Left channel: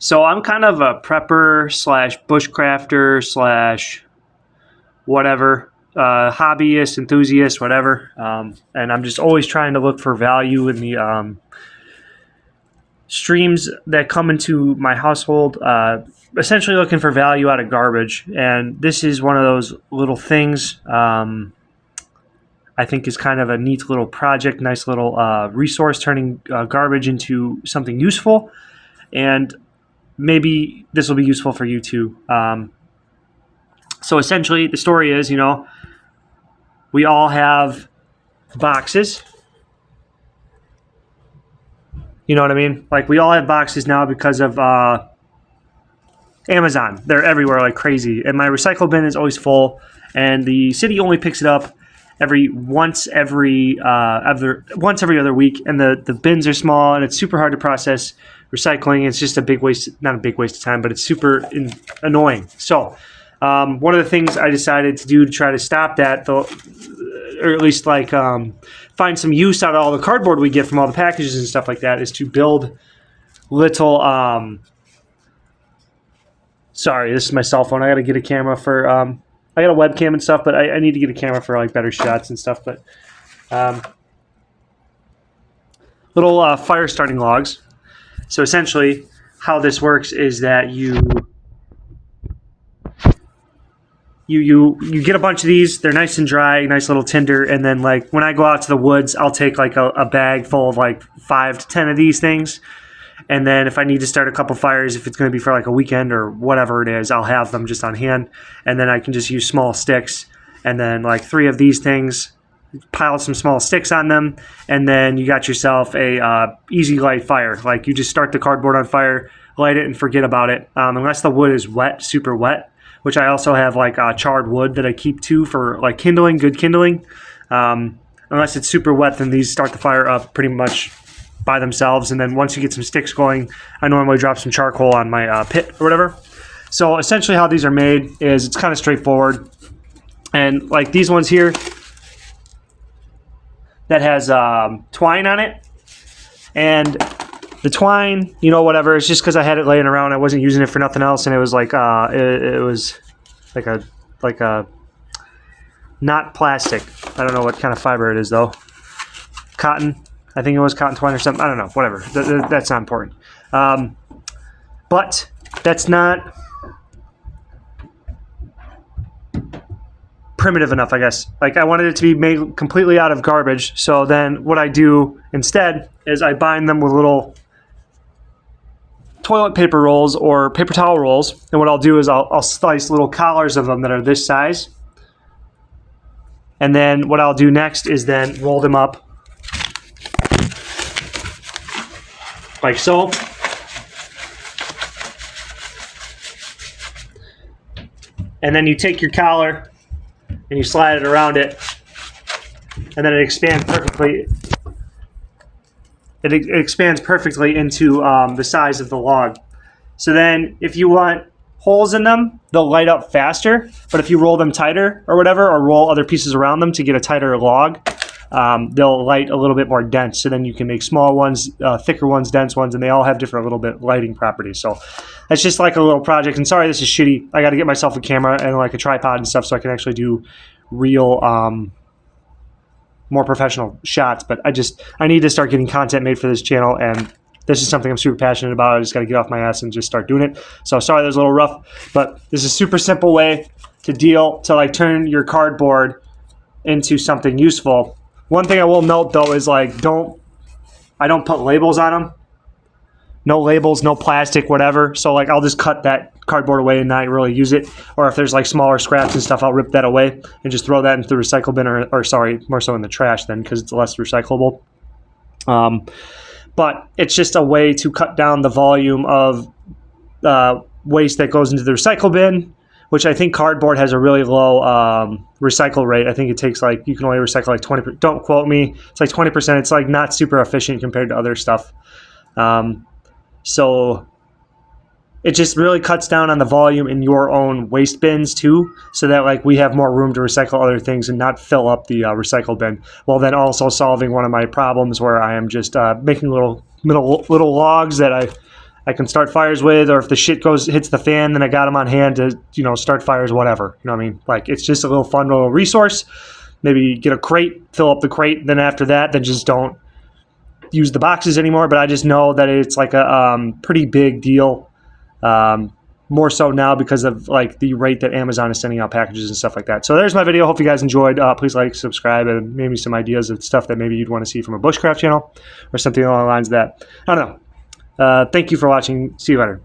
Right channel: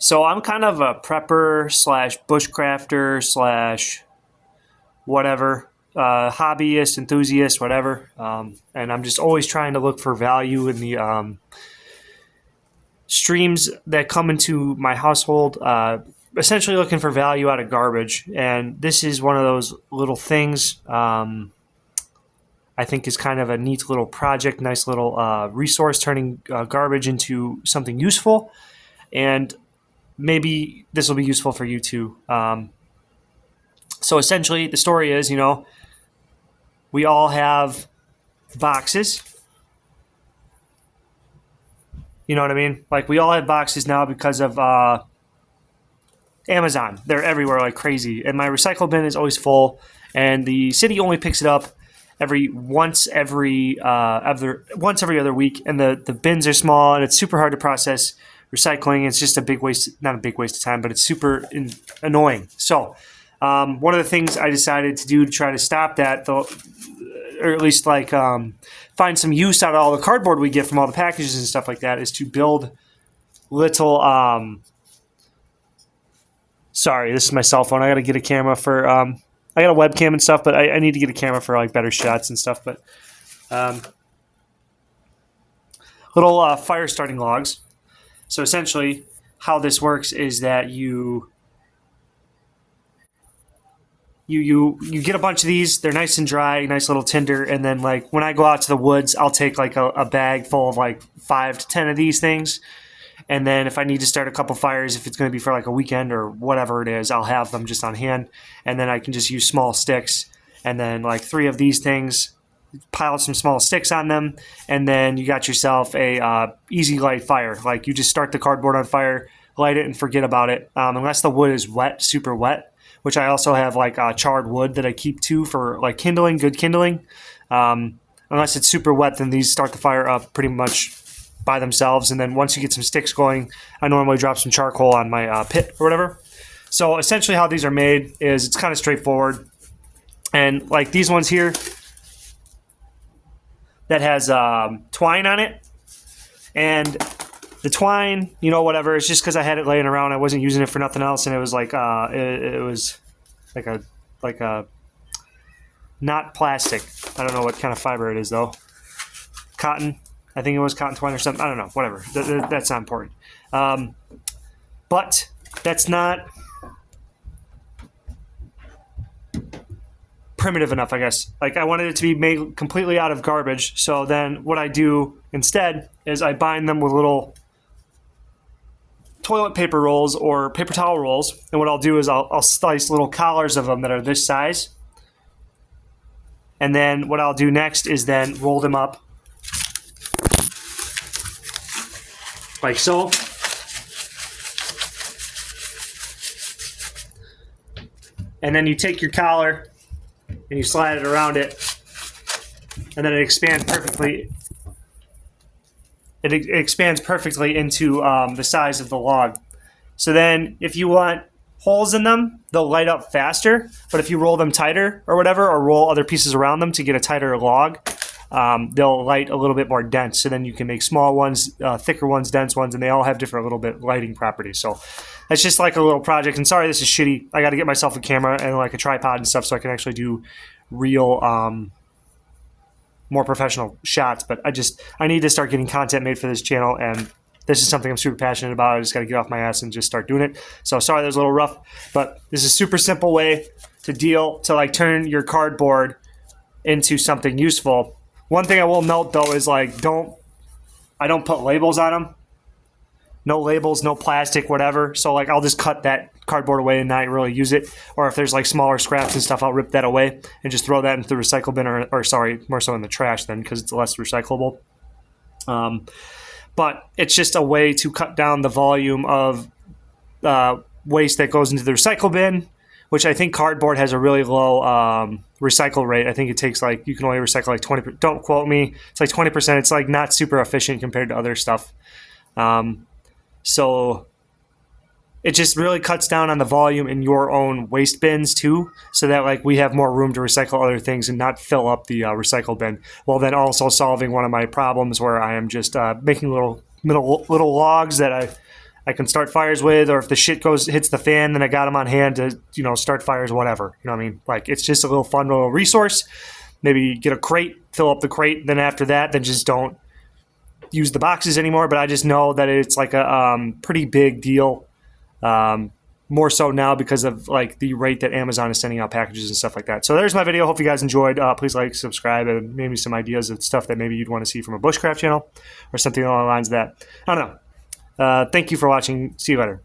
So I'm kind of a prepper slash bushcrafter slash whatever, hobbyist, enthusiast, whatever. And I'm just always trying to look for value in the streams that come into my household. Essentially looking for value out of garbage. And this is one of those little things I think is kind of a neat little project, nice little resource, turning garbage into something useful. And maybe this will be useful for you too. So essentially, the story is, we all have boxes. You know what I mean? Like, we all have boxes now because of Amazon. They're everywhere like crazy. And my recycle bin is always full. And the city only picks it up once every other week. And the bins are small, and it's super hard to process recycling. It's just not a big waste of time, but it's super annoying. So one of the things I decided to do to try to stop that, or at least find some use out of all the cardboard we get from all the packages and stuff like that, is to build little sorry, this is my cell phone. I got to get a camera for I got a webcam and stuff, but I need to get a camera for better shots and stuff. But little fire starting logs. So essentially, how this works is that you get a bunch of these. They're nice and dry, nice little tinder. And then when I go out to the woods, I'll take a bag full of 5 to 10 of these things. And then if I need to start a couple fires, if it's going to be for a weekend or whatever it is, I'll have them just on hand. And then I can just use small sticks. And then 3 of these things, pile some small sticks on them. And then you got yourself a easy light fire. You just start the cardboard on fire, light it, and forget about it. Unless the wood is wet, super wet, which I also have charred wood that I keep too for kindling, good kindling. Unless it's super wet, then these start the fire up pretty much by themselves. And then once you get some sticks going, I normally drop some charcoal on my pit or whatever. So essentially how these are made is it's kind of straightforward. And these ones here that has twine on it. And the twine, whatever, it's just because I had it laying around. I wasn't using it for nothing else. And it was it was like a not plastic. I don't know what kind of fiber it is though. Cotton. I think it was cotton twine or something. I don't know. Whatever. That's not important. But that's not primitive enough, I guess. I wanted it to be made completely out of garbage. So then what I do instead is I bind them with little toilet paper rolls or paper towel rolls. And what I'll do is I'll slice little collars of them that are this size. And then what I'll do next is then roll them up like so. And then you take your collar and you slide it around it, and then it expands perfectly. It expands perfectly into the size of the log. So then if you want holes in them, they'll light up faster. But if you roll them tighter or whatever, or roll other pieces around them to get a tighter log, they'll light a little bit more dense. So then you can make small ones, thicker ones, dense ones, and they all have different little bit lighting properties. So it's just a little project. And sorry, this is shitty. I got to get myself a camera and a tripod and stuff so I can actually do real, more professional shots. But I need to start getting content made for this channel, and this is something I'm super passionate about. I just got to get off my ass and just start doing it. So sorry, that was a little rough, but this is a super simple way to turn your cardboard into something useful. One thing I will note though is I don't put labels on them. No labels, no plastic, whatever. So I'll just cut that cardboard away and not really use it. Or if there's smaller scraps and stuff, I'll rip that away and just throw that into the recycle bin, or sorry, more so in the trash then, because it's less recyclable. But it's just a way to cut down the volume of waste that goes into the recycle bin, which I think cardboard has a really low recycle rate. I think it takes you can only recycle 20%. Don't quote me. It's 20%. It's not super efficient compared to other stuff. So it just really cuts down on the volume in your own waste bins too, so that we have more room to recycle other things and not fill up the recycle bin, while then also solving one of my problems where I am just making little logs that I I can start fires with, or if the shit hits the fan, then I got them on hand to, you know, start fires, whatever. You know what I mean? Like, it's just a little fun little resource. Maybe get a crate, fill up the crate, then after that, then just don't use the boxes anymore. But I just know that it's like a pretty big deal. More so now because of like the rate that Amazon is sending out packages and stuff like that. So there's my video. Hope you guys enjoyed. Please like, subscribe, and maybe some ideas of stuff that maybe you'd want to see from a bushcraft channel or something along the lines of that. I don't know. Thank you for watching. See you later.